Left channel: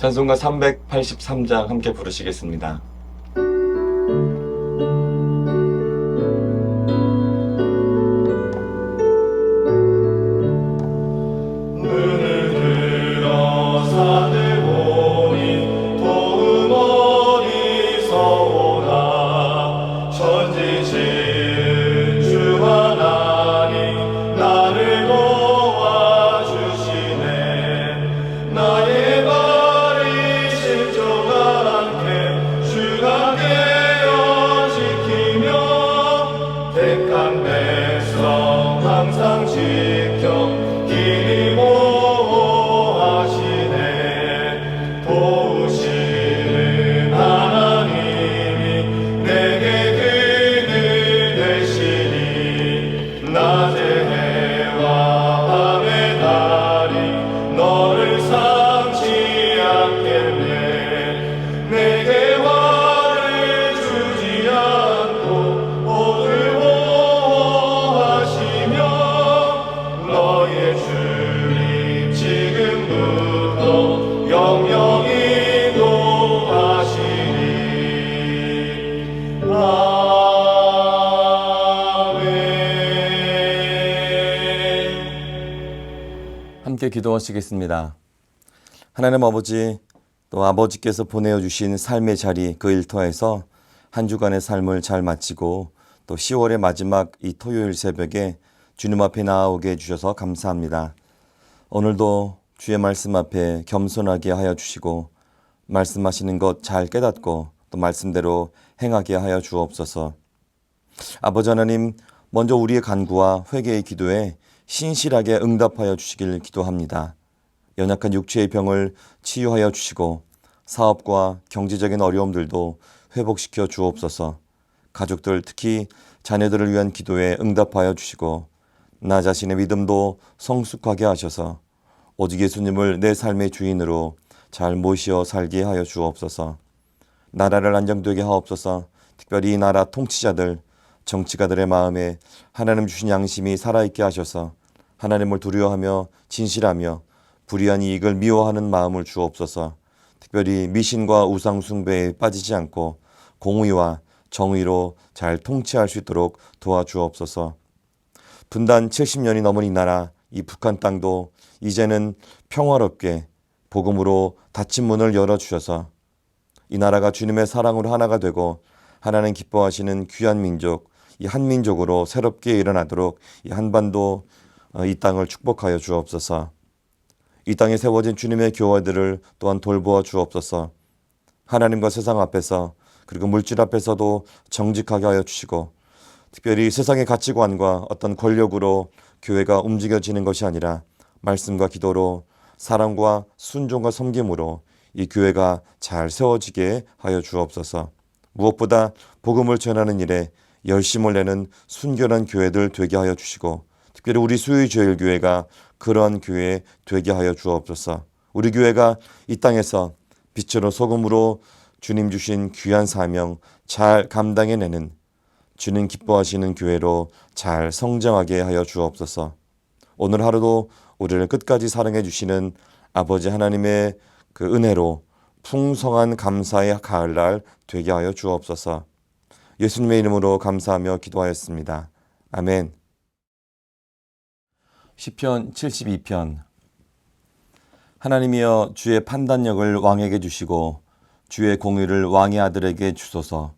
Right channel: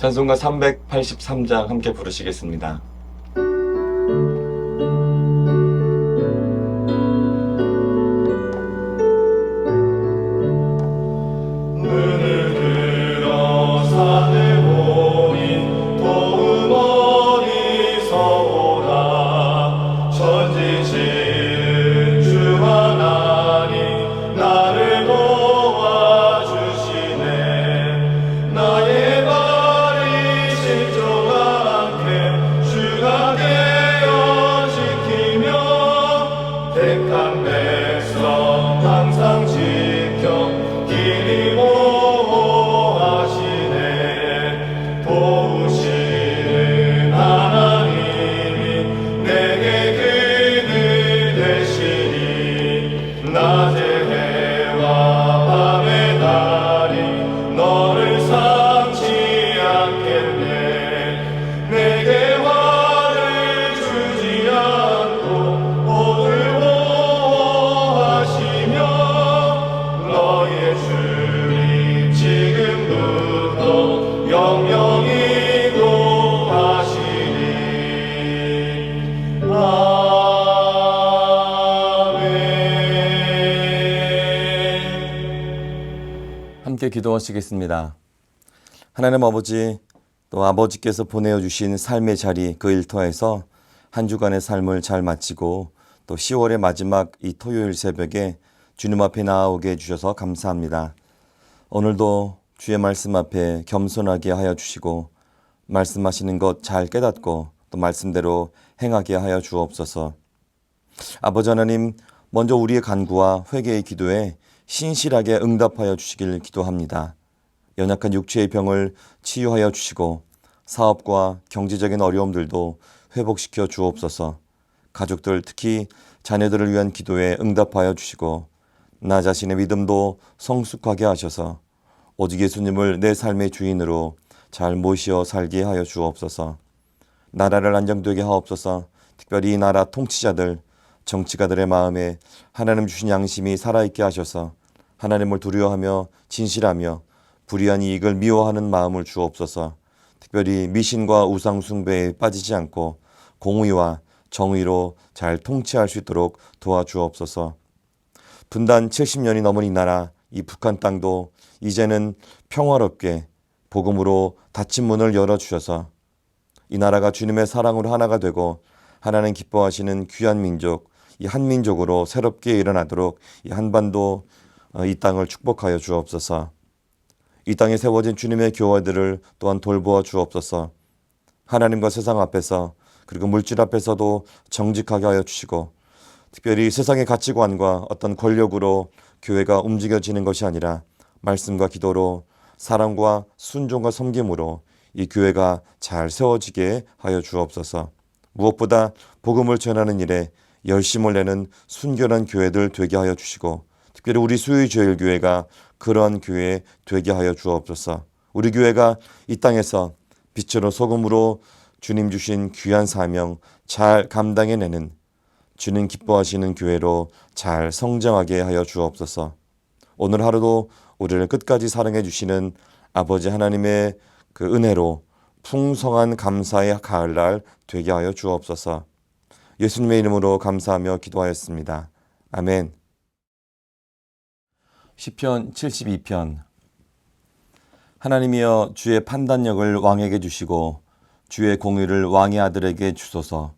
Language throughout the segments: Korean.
찬송가 383장 함께 부르시겠습니다. 함께 기도하시겠습니다. 하나님 아버지, 또 아버지께서 보내주신 삶의 자리 그 일터에서 한 주간의 삶을 잘 마치고 또 10월의 마지막 이 토요일 새벽에 주님 앞에 나아오게 해주셔서 감사합니다. 오늘도 주의 말씀 앞에 겸손하게 하여 주시고 말씀하시는 것 잘 깨닫고 또 말씀대로 행하게 하여 주옵소서. 아버지 하나님, 먼저 우리의 간구와 회개의 기도에 신실하게 응답하여 주시길 기도합니다. 연약한 육체의 병을 치유하여 주시고 사업과 경제적인 어려움들도 회복시켜 주옵소서. 가족들, 특히 자녀들을 위한 기도에 응답하여 주시고 나 자신의 믿음도 성숙하게 하셔서 오직 예수님을 내 삶의 주인으로 잘 모시어 살게 하여 주옵소서. 나라를 안정되게 하옵소서. 특별히 이 나라 통치자들, 정치가들의 마음에 하나님 주신 양심이 살아있게 하셔서 하나님을 두려워하며 진실하며 불의한 이익을 미워하는 마음을 주옵소서. 특별히 미신과 우상 숭배에 빠지지 않고 공의와 정의로 잘 통치할 수 있도록 도와주옵소서. 분단 70년이 넘은 이 나라, 이 북한 땅도 이제는 평화롭게 복음으로 닫힌 문을 열어주셔서 이 나라가 주님의 사랑으로 하나가 되고 하나님 기뻐하시는 귀한 민족, 이 한민족으로 새롭게 일어나도록 이 한반도 이 땅을 축복하여 주옵소서. 이 땅에 세워진 주님의 교회들을 또한 돌보아 주옵소서. 하나님과 세상 앞에서 그리고 물질 앞에서도 정직하게 하여 주시고 특별히 세상의 가치관과 어떤 권력으로 교회가 움직여지는 것이 아니라 말씀과 기도로 사랑과 순종과 섬김으로 이 교회가 잘 세워지게 하여 주옵소서. 무엇보다 복음을 전하는 일에 열심을 내는 순결한 교회들 되게 하여 주시고 특별히 우리 수의제일교회가 그러한 교회 되게 하여 주옵소서. 우리 교회가 이 땅에서 빛으로 소금으로 주님 주신 귀한 사명 잘 감당해내는 주님 기뻐하시는 교회로 잘 성장하게 하여 주옵소서. 오늘 하루도 우리를 끝까지 사랑해 주시는 아버지 하나님의 그 은혜로 풍성한 감사의 가을날 되게 하여 주옵소서. 예수님의 이름으로 감사하며 기도하였습니다. 아멘. 시편 72편. 하나님이여, 주의 판단력을 왕에게 주시고 주의 공의를 왕의 아들에게 주소서.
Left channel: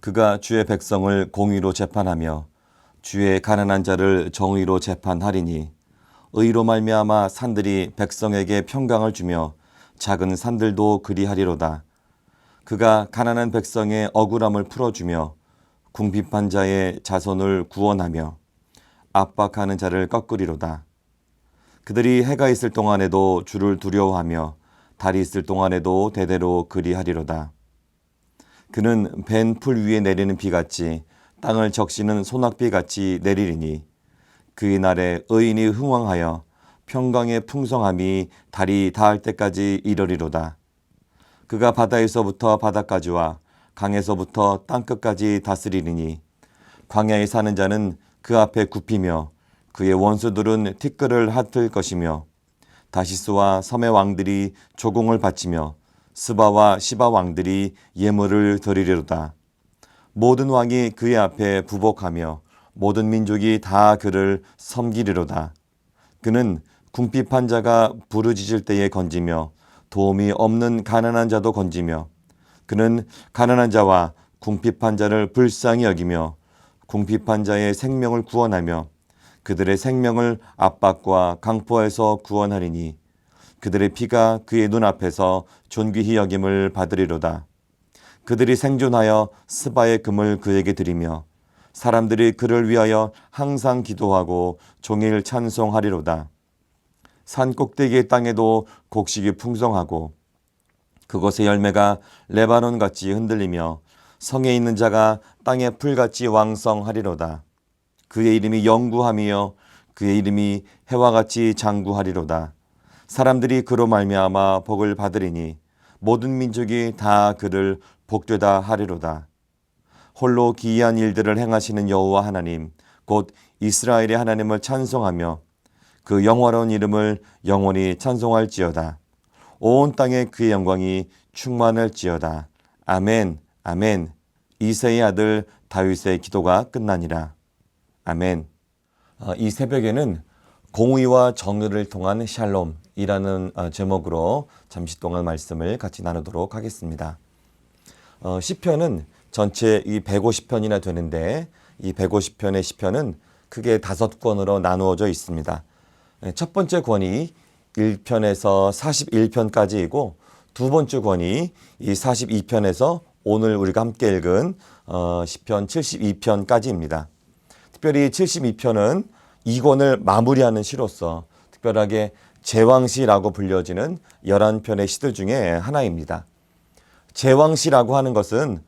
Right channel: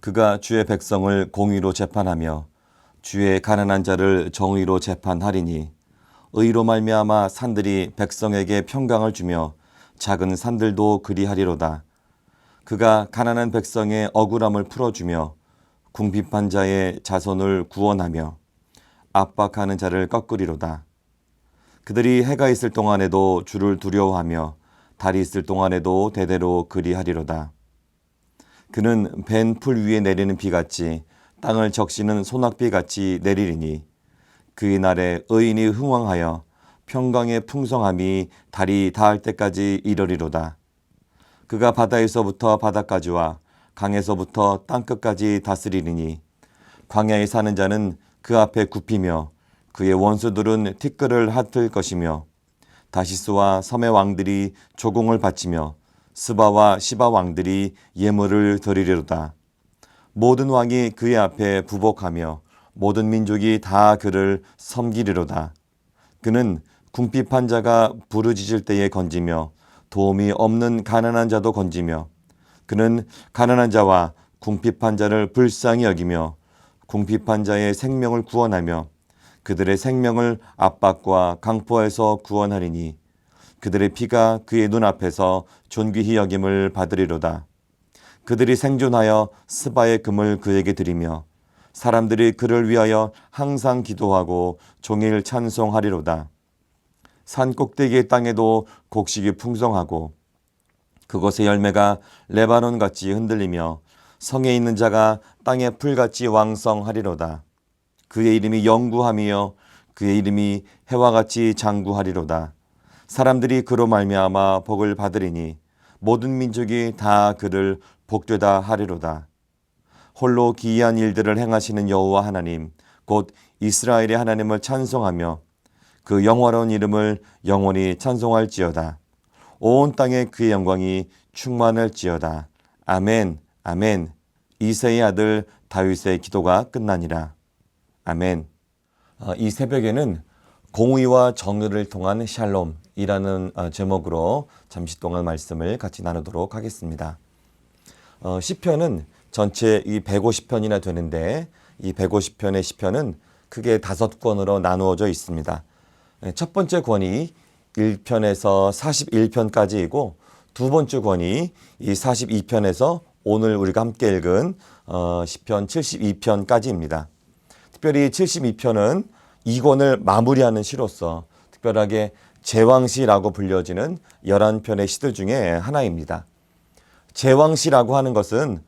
그가 주의 백성을 공의로 재판하며 주의 가난한 자를 정의로 재판하리니 의로 말미암아 산들이 백성에게 평강을 주며 작은 산들도 그리하리로다. 그가 가난한 백성의 억울함을 풀어주며 궁핍한 자의 자손을 구원하며 압박하는 자를 꺾으리로다. 그들이 해가 있을 동안에도 주를 두려워하며 달이 있을 동안에도 대대로 그리하리로다. 그는 벤 풀 위에 내리는 비같이 땅을 적시는 소낙비같이 내리리니 그의 날에 의인이 흥왕하여 평강의 풍성함이 달이 닿을 때까지 이르리로다. 그가 바다에서부터 바다까지와 강에서부터 땅끝까지 다스리리니 광야에 사는 자는 그 앞에 굽히며 그의 원수들은 티끌을 핫을 것이며 다시스와 섬의 왕들이 조공을 바치며 스바와 시바 왕들이 예물을 드리리로다. 모든 왕이 그의 앞에 부복하며 모든 민족이 다 그를 섬기리로다. 그는 궁핍한 자가 부르짖을 때에 건지며 도움이 없는 가난한 자도 건지며 그는 가난한 자와 궁핍한 자를 불쌍히 여기며 궁핍한 자의 생명을 구원하며 그들의 생명을 압박과 강포에서 구원하리니 그들의 피가 그의 눈앞에서 존귀히 여김을 받으리로다. 그들이 생존하여 스바의 금을 그에게 드리며 사람들이 그를 위하여 항상 기도하고 종일 찬송하리로다. 산 꼭대기의 땅에도 곡식이 풍성하고 그곳의 열매가 레바논같이 흔들리며 성에 있는 자가 땅의 풀같이 왕성하리로다. 그의 이름이 영구함이요 그의 이름이 해와 같이 장구하리로다. 사람들이 그로 말미암아 복을 받으리니 모든 민족이 다 그를 복되다 하리로다. 홀로 기이한 일들을 행하시는 여호와 하나님 곧 이스라엘의 하나님을 찬송하며 그 영화로운 이름을 영원히 찬송할지어다. 온 땅에 그의 영광이 충만할지어다. 아멘, 아멘. 이새의 아들 다윗의 기도가 끝나니라. 아멘. 이 새벽에는 공의와 정의를 통한 샬롬이라는 제목으로 잠시 동안 말씀을 같이 나누도록 하겠습니다. 시편은 전체 이 150편이나 되는데 이 150편의 시편은 크게 5권으로 나누어져 있습니다. 첫 번째 권이 1편에서 41편까지이고 두 번째 권이 이 42편에서 오늘 우리가 함께 읽은 시편 72편까지입니다. 특별히 72편은 이 권을 마무리하는 시로서 특별하게 제왕시라고 불려지는 11편의 시들 중에 하나입니다. 제왕시라고 하는 것은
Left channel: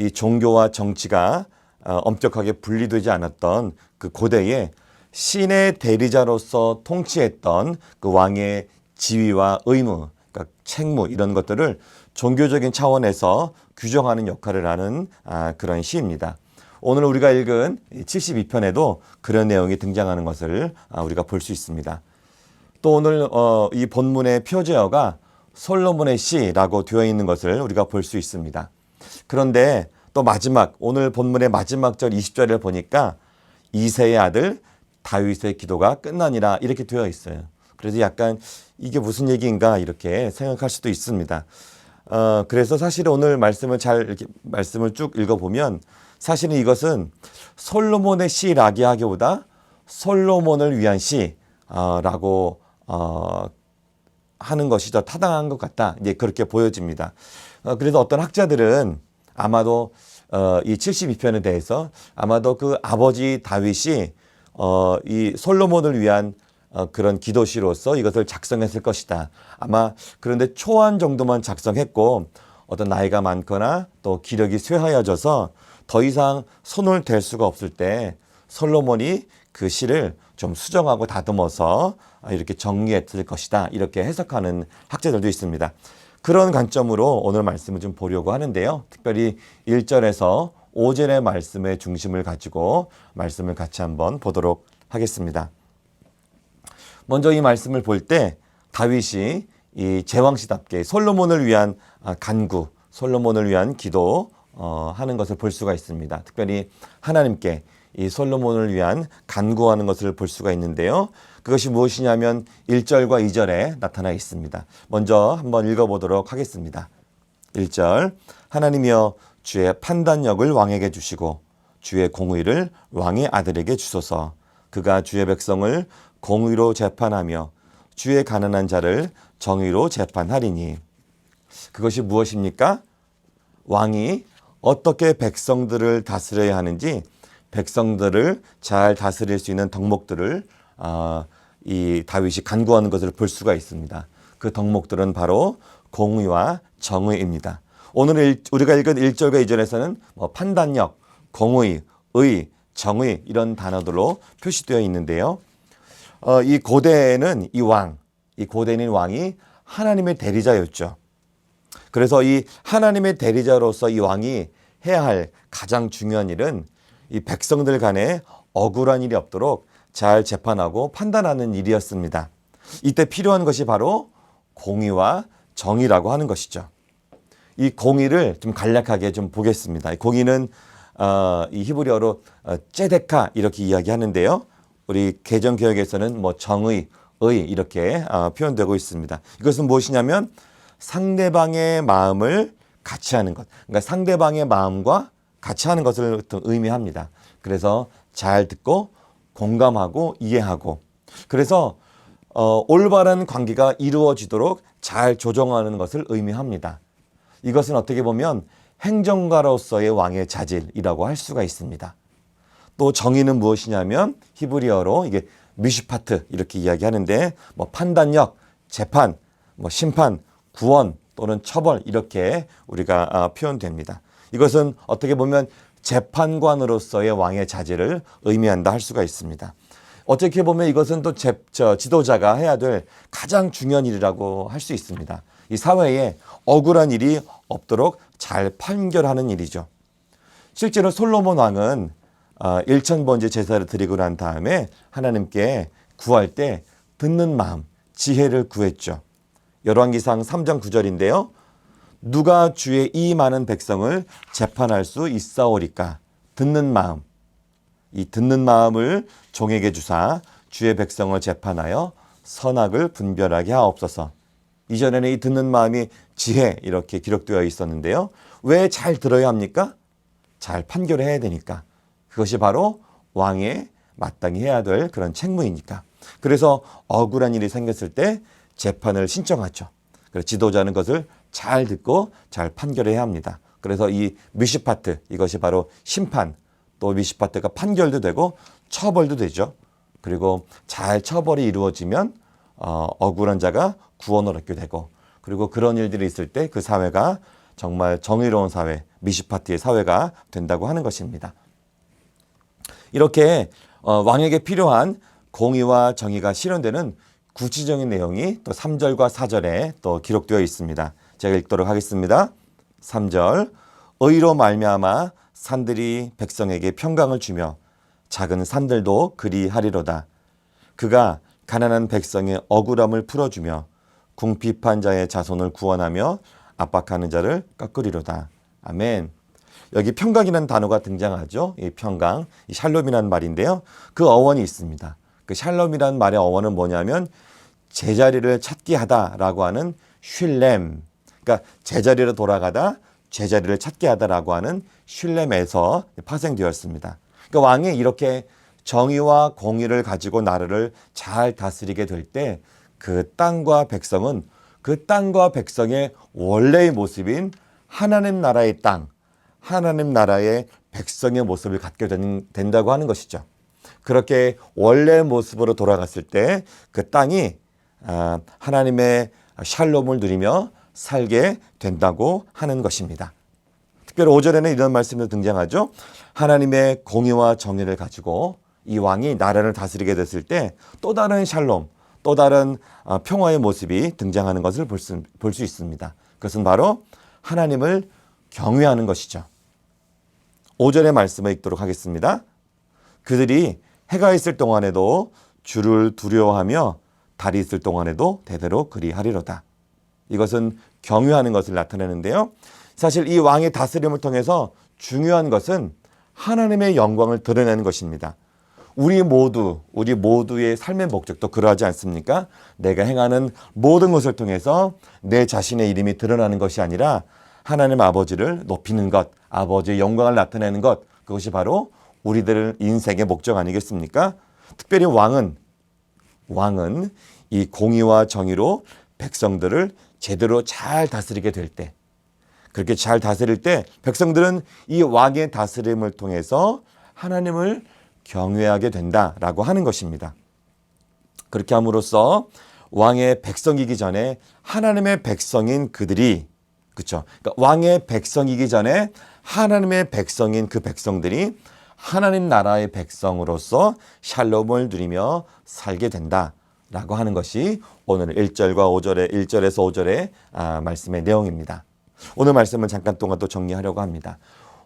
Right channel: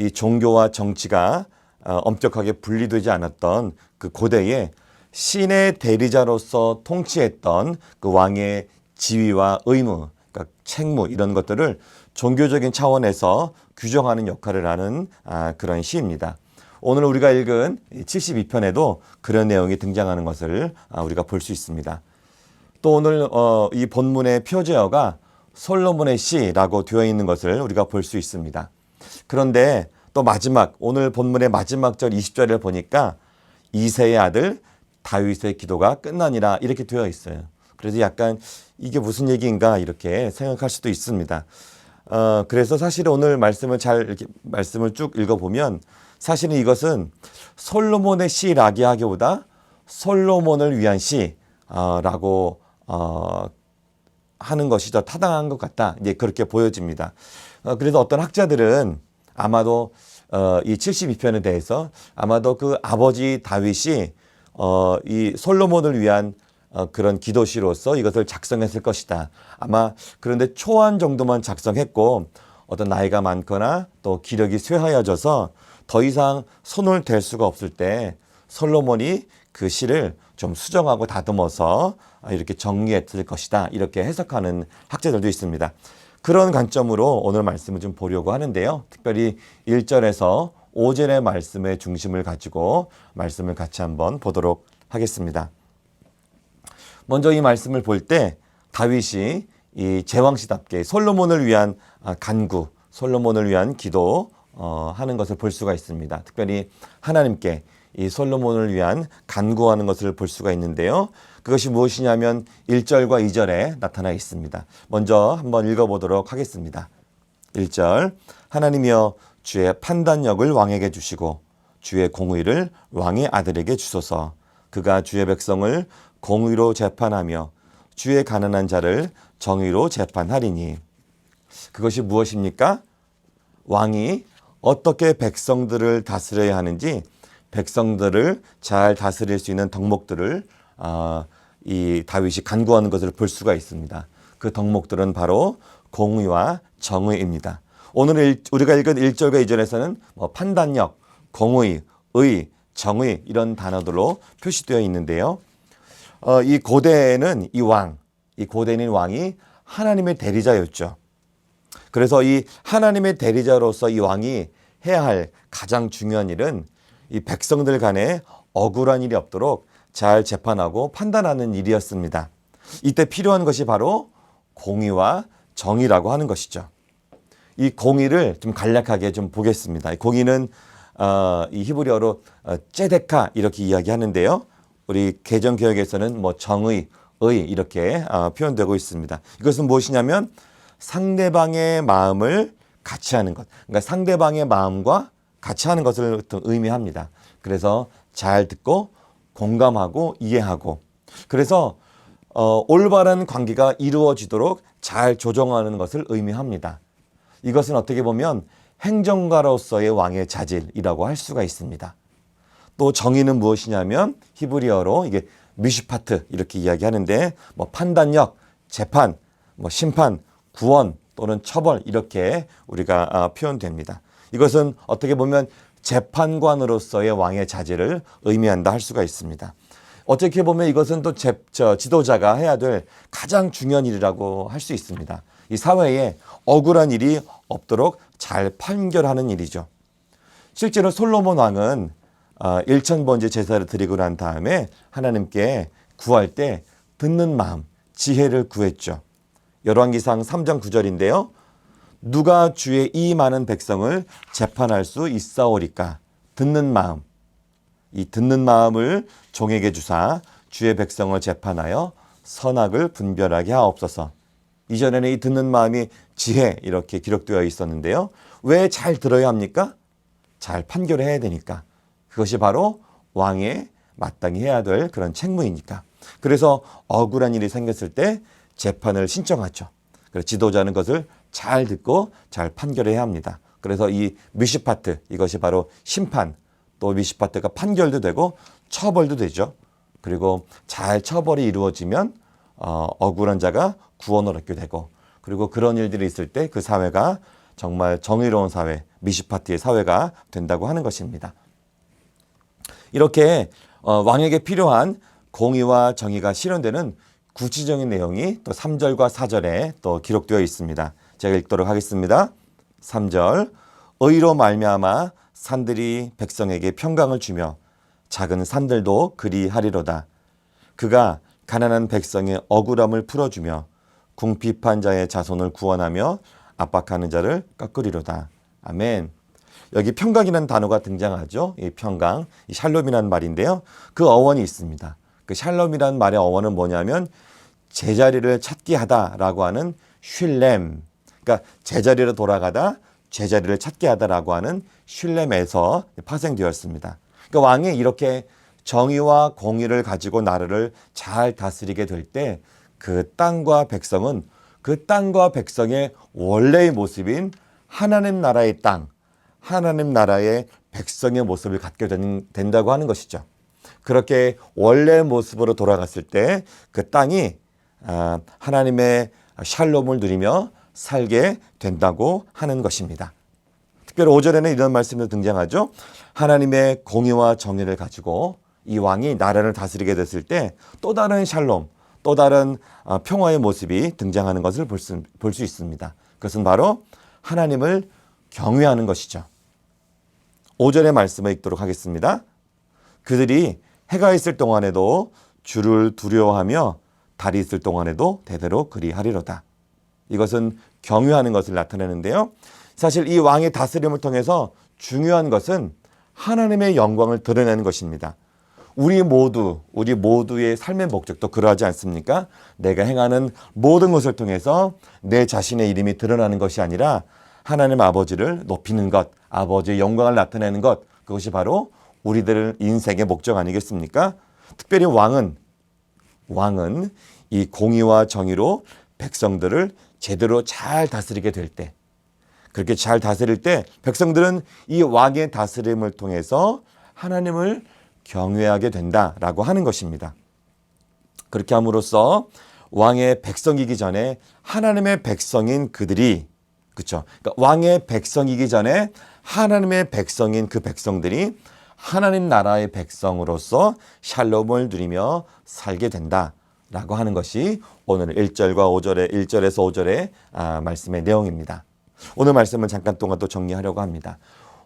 이 종교와 정치가 엄격하게 분리되지 않았던 그 고대에 신의 대리자로서 통치했던 그 왕의 지위와 의무, 그러니까 책무 이런 것들을 종교적인 차원에서 규정하는 역할을 하는 그런 시입니다. 오늘 우리가 읽은 72편에도 그런 내용이 등장하는 것을 우리가 볼 수 있습니다. 또 오늘 이 본문의 표제어가 솔로몬의 시라고 되어 있는 것을 우리가 볼 수 있습니다. 그런데 또 마지막 오늘 본문의 마지막 절 20절을 보니까 이새의 아들 다윗의 기도가 끝나니라 이렇게 되어 있어요. 그래서 약간 이게 무슨 얘기인가 이렇게 생각할 수도 있습니다. 그래서 사실 오늘 말씀을 이렇게 말씀을 쭉 읽어보면 사실은 이것은 솔로몬의 시라기 하기보다 솔로몬을 위한 시라고 하는 것이 더 타당한 것 같다. 이제 그렇게 보여집니다. 그래서 어떤 학자들은 아마도 이 72편에 대해서 아마도 그 아버지 다윗이 이 솔로몬을 위한 그런 기도시로서 이것을 작성했을 것이다. 아마 그런데 초안 정도만 작성했고 어떤 나이가 많거나 또 기력이 쇠하여져서 더 이상 손을 댈 수가 없을 때 솔로몬이 그 시를 좀 수정하고 다듬어서 이렇게 정리했을 것이다. 이렇게 해석하는 학자들도 있습니다. 그런 관점으로 오늘 말씀을 좀 보려고 하는데요. 특별히 1절에서 5절의 말씀의 중심을 가지고 말씀을 같이 한번 보도록 하겠습니다. 먼저 이 말씀을 볼 때 다윗이 이 제왕시답게 솔로몬을 위한 간구, 솔로몬을 위한 기도 하는 것을 볼 수가 있습니다. 특별히 하나님께 이 솔로몬을 위한 간구하는 것을 볼 수가 있는데요. 그것이 무엇이냐면 1절과 2절에 나타나 있습니다. 먼저 한번 읽어보도록 하겠습니다. 1절 하나님이여 주의 판단력을 왕에게 주시고 주의 공의를 왕의 아들에게 주소서. 그가 주의 백성을 공의로 재판하며 주의 가난한 자를 정의로 재판하리니. 그것이 무엇입니까? 왕이 어떻게 백성들을 다스려야 하는지 백성들을 잘 다스릴 수 있는 덕목들을 이 다윗이 간구하는 것을 볼 수가 있습니다. 그 덕목들은 바로 공의와 정의입니다. 오늘 우리가 읽은 1절과 2절에서는 판단력, 공의, 의, 정의 이런 단어들로 표시되어 있는데요. 이 고대에는 이 고대인 왕이 하나님의 대리자였죠. 그래서 이 하나님의 대리자로서 이 왕이 해야 할 가장 중요한 일은 이 백성들 간에 억울한 일이 없도록 잘 재판하고 판단하는 일이었습니다. 이때 필요한 것이 바로 공의와 정의라고 하는 것이죠. 이 공의를 좀 간략하게 좀 보겠습니다. 공의는 이 히브리어로 째데카 이렇게 이야기하는데요. 우리 개정개혁에서는 뭐 정의, 의 이렇게 표현되고 있습니다. 이것은 무엇이냐면 상대방의 마음을 같이 하는 것. 그러니까 상대방의 마음과 같이 하는 것을 의미합니다. 그래서 잘 듣고 공감하고 이해하고 그래서 올바른 관계가 이루어지도록 잘 조정하는 것을 의미합니다. 이것은 어떻게 보면 행정가로서의 왕의 자질이라고 할 수가 있습니다. 또 정의는 무엇이냐면 히브리어로 이게 미슈파트 이렇게 이야기하는데 뭐 판단력, 재판, 뭐 심판, 구원 또는 처벌 이렇게 우리가 표현됩니다. 이것은 어떻게 보면 재판관으로서의 왕의 자질을 의미한다 할 수가 있습니다. 어떻게 보면 이것은 또 지도자가 해야 될 가장 중요한 일이라고 할 수 있습니다. 이 사회에 억울한 일이 없도록 잘 판결하는 일이죠. 실제로 솔로몬 왕은 1000번째 제사를 드리고 난 다음에 하나님께 구할 때 듣는 마음, 지혜를 구했죠. 열왕기상 3장 9절인데요. 누가 주의 이 많은 백성을 재판할 수 있사오리까? 듣는 마음. 이 듣는 마음을 종에게 주사 주의 백성을 재판하여 선악을 분별하게 하옵소서. 이전에는 이 듣는 마음이 지혜 이렇게 기록되어 있었는데요. 왜 잘 들어야 합니까? 잘 판결해야 되니까. 그것이 바로 왕의 마땅히 해야 될 그런 책무이니까. 그래서 억울한 일이 생겼을 때 재판을 신청하죠. 그래서 지도자는 것을 잘 듣고 잘 판결해야 합니다. 그래서 이 미슈파트 이것이 바로 심판 또 미슈파트가 판결도 되고 처벌도 되죠. 그리고 잘 처벌이 이루어지면 억울한 자가 구원을 얻게 되고 그리고 그런 일들이 있을 때 그 사회가 정말 정의로운 사회, 미슈파트의 사회가 된다고 하는 것입니다. 이렇게 왕에게 필요한 공의와 정의가 실현되는 구체적인 내용이 또 3절과 4절에 또 기록되어 있습니다. 제가 읽도록 하겠습니다. 3절 의로 말미암아 산들이 백성에게 평강을 주며 작은 산들도 그리하리로다. 그가 가난한 백성의 억울함을 풀어주며 궁핍한 자의 자손을 구원하며 압박하는 자를 깎으리로다. 아멘. 여기 평강이라는 단어가 등장하죠. 이 평강, 이 샬롬이라는 말인데요. 그 어원이 있습니다. 그 샬롬이라는 말의 어원은 뭐냐면 제자리를 찾게 하다라고 하는 슐렘. 그러니까 제자리로 돌아가다 제자리를 찾게 하다라고 하는 슐렘에서 파생되었습니다. 그러니까 왕이 이렇게 정의와 공의를 가지고 나라를 잘 다스리게 될 때 그 땅과 백성은 그 땅과 백성의 원래의 모습인 하나님 나라의 땅, 하나님 나라의 백성의 모습을 갖게 된다고 하는 것이죠. 그렇게 원래 모습으로 돌아갔을 때 그 땅이 하나님의 샬롬을 누리며 살게 된다고 하는 것입니다. 특별히 5절에는 이런 말씀이 등장하죠. 하나님의 공의와 정의를 가지고 이 왕이 나라를 다스리게 됐을 때 또 다른 샬롬, 또 다른 평화의 모습이 등장하는 것을 볼 수 있습니다. 그것은 바로 하나님을 경외하는 것이죠. 5절의 말씀을 읽도록 하겠습니다. 그들이 해가 있을 동안에도 주를 두려워하며 달이 있을 동안에도 대대로 그리하리로다. 이것은 경외하는 것을 나타내는데요. 사실 이 왕의 다스림을 통해서 중요한 것은 하나님의 영광을 드러내는 것입니다. 우리 모두의 삶의 목적도 그러하지 않습니까? 내가 행하는 모든 것을 통해서 내 자신의 이름이 드러나는 것이 아니라 하나님 아버지를 높이는 것, 아버지의 영광을 나타내는 것, 그것이 바로 우리들 인생의 목적 아니겠습니까? 특별히 왕은 이 공의와 정의로 백성들을 제대로 잘 다스리게 될 때, 그렇게 잘 다스릴 때 백성들은 이 왕의 다스림을 통해서 하나님을 경외하게 된다라고 하는 것입니다. 그렇게 함으로써 왕의 백성이기 전에 하나님의 백성인 그들이, 그렇죠? 그러니까 왕의 백성이기 전에 하나님의 백성인 그 백성들이 하나님 나라의 백성으로서 샬롬을 누리며 살게 된다라고 하는 것이 오늘 1절에서 5절의 말씀의 내용입니다. 오늘 말씀을 잠깐 동안 또 정리하려고 합니다.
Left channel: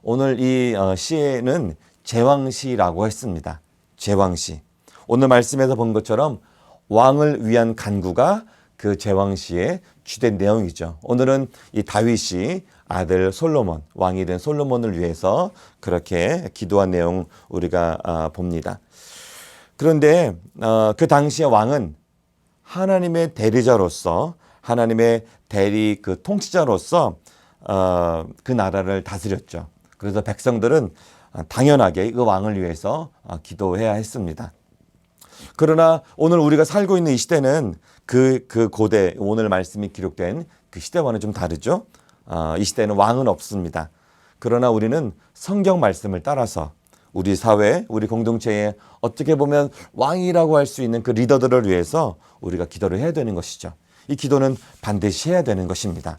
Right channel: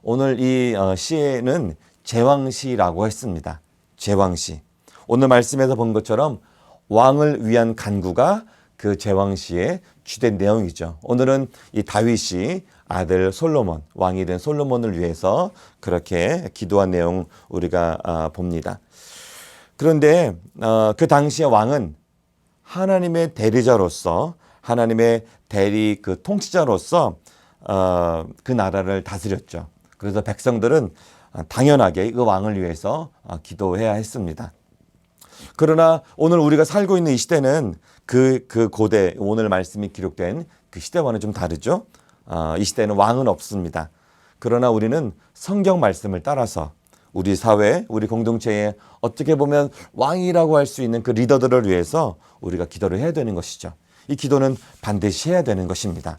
오늘 이 시에는 제왕시라고 했습니다. 제왕시. 오늘 말씀에서 본 것처럼 왕을 위한 간구가 그 제왕시의 주된 내용이죠. 오늘은 이 다윗이 아들 솔로몬, 왕이 된 솔로몬을 위해서 그렇게 기도한 내용 우리가 봅니다. 그런데 그 당시의 왕은 하나님의 대리자로서, 하나님의 대리 그 통치자로서 그 나라를 다스렸죠. 그래서 백성들은 당연하게 그 왕을 위해서 기도해야 했습니다. 그러나 오늘 우리가 살고 있는 이 시대는 그 고대, 오늘 말씀이 기록된 그 시대와는 좀 다르죠. 이 시대는 왕은 없습니다. 그러나 우리는 성경 말씀을 따라서 우리 사회, 우리 공동체에 어떻게 보면 왕이라고 할 수 있는 그 리더들을 위해서 우리가 기도를 해야 되는 것이죠. 이 기도는 반드시 해야 되는 것입니다.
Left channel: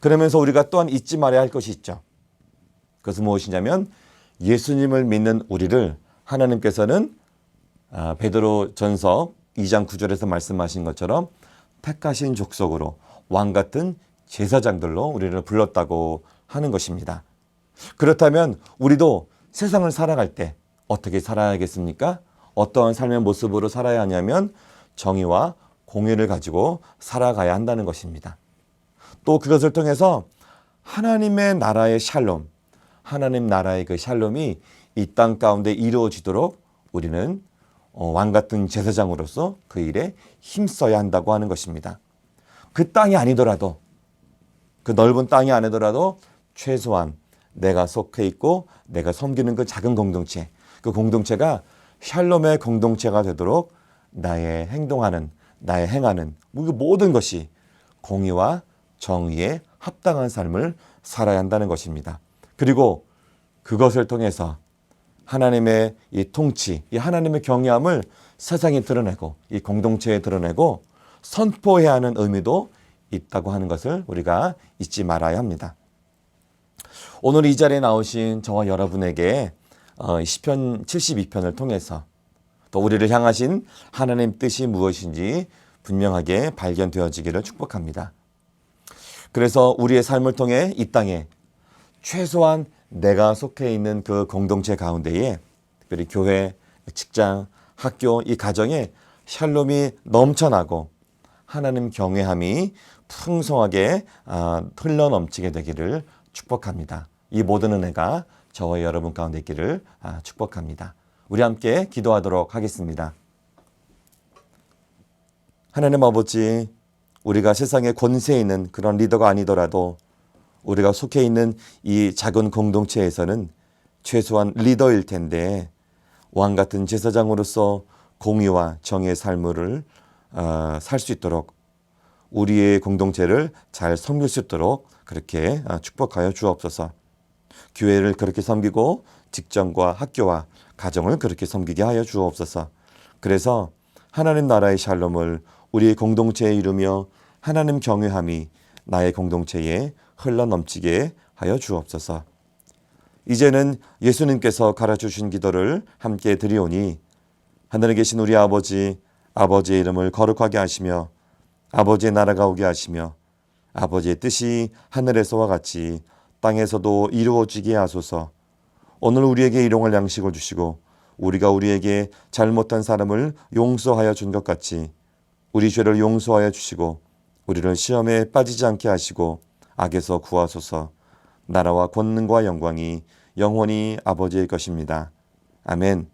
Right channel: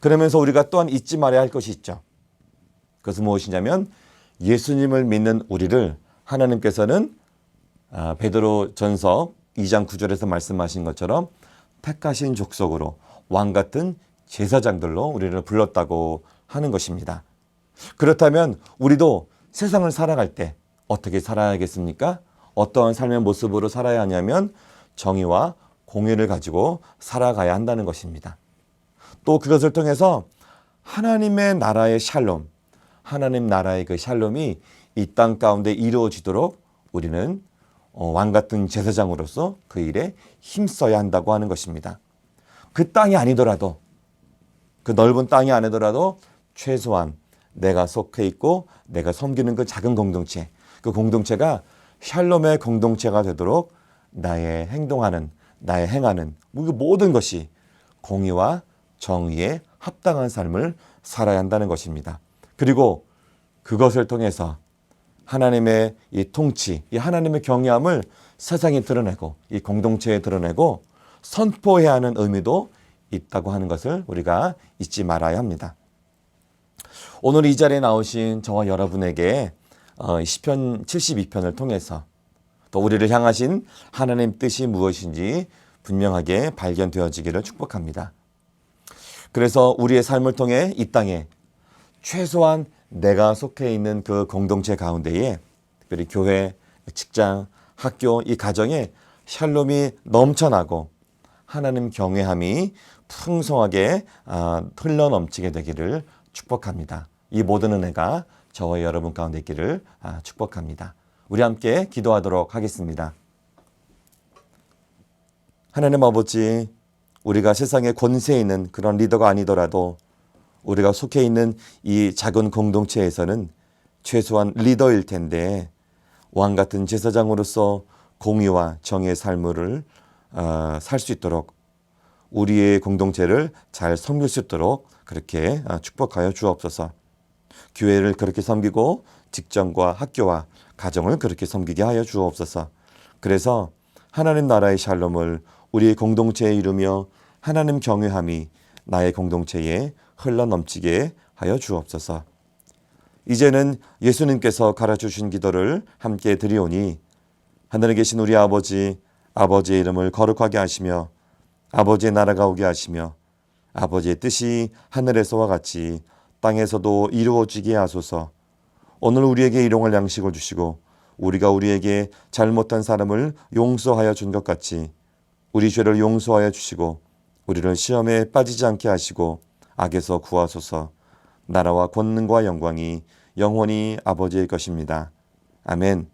그러면서 우리가 또한 잊지 말아야 할 것이 있죠. 그것은 무엇이냐면 예수님을 믿는 우리를 하나님께서는 베드로 전서 2장 9절에서 말씀하신 것처럼 택하신 족속으로 왕 같은 제사장들로 우리를 불렀다고 하는 것입니다. 그렇다면 우리도 세상을 살아갈 때 어떻게 살아야겠습니까? 어떠한 삶의 모습으로 살아야 하냐면 정의와 공의를 가지고 살아가야 한다는 것입니다. 또 그것을 통해서 하나님의 나라의 샬롬, 하나님 나라의 그 샬롬이 이 땅 가운데 이루어지도록 우리는 왕 같은 제사장으로서 그 일에 힘써야 한다고 하는 것입니다. 그 땅이 아니더라도, 그 넓은 땅이 아니더라도 최소한 내가 속해 있고 내가 섬기는 그 작은 공동체, 그 공동체가 샬롬의 공동체가 되도록 나의 행동하는, 나의 행하는 모든 것이 공의와 정의에 합당한 삶을 살아야 한다는 것입니다. 그리고 그것을 통해서 하나님의 이 통치, 이 하나님의 경외함을 세상에 드러내고 이 공동체에 드러내고 선포해야 하는 의미도 있다고 하는 것을 우리가 잊지 말아야 합니다. 오늘 이 자리에 나오신 저와 여러분에게 시편 72편을 통해서 또 우리를 향하신 하나님 뜻이 무엇인지 분명하게 발견되어지기를 축복합니다. 그래서 우리의 삶을 통해 이 땅에 최소한 내가 속해 있는 그 공동체 가운데에 특별히 교회, 직장, 학교, 이 가정에 샬롬이 넘쳐나고 하나님 경외함이 풍성하게 흘러넘치게 되기를 축복합니다. 이 모든 은혜가 저와 여러분 가운데 있기를 축복합니다. 우리 함께 기도하도록 하겠습니다. 하나님 아버지, 우리가 세상에 권세 있는 그런 리더가 아니더라도 우리가 속해 있는 이 작은 공동체에서는 최소한 리더일 텐데 왕 같은 제사장으로서 공의와 정의의 삶을 살 수 있도록 우리의 공동체를 잘 섬길 수 있도록 그렇게 축복하여 주옵소서. 교회를 그렇게 섬기고 직장과 학교와 가정을 그렇게 섬기게 하여 주옵소서. 그래서 하나님 나라의 샬롬을 우리의 공동체에 이루며 하나님 경외함이 나의 공동체에 흘러넘치게 하여 주옵소서. 이제는 예수님께서 가르쳐주신 기도를 함께 드리오니 하늘에 계신 우리 아버지, 아버지의 이름을 거룩하게 하시며 아버지의 나라가 오게 하시며 아버지의 뜻이 하늘에서와 같이 땅에서도 이루어지게 하소서. 오늘 우리에게 일용할 양식을 주시고 우리가 우리에게 잘못한 사람을 용서하여 준 것 같이 우리 죄를 용서하여 주시고 우리를 시험에 빠지지 않게 하시고 악에서 구하소서. 나라와 권능과 영광이 영원히 아버지의 것입니다. 아멘.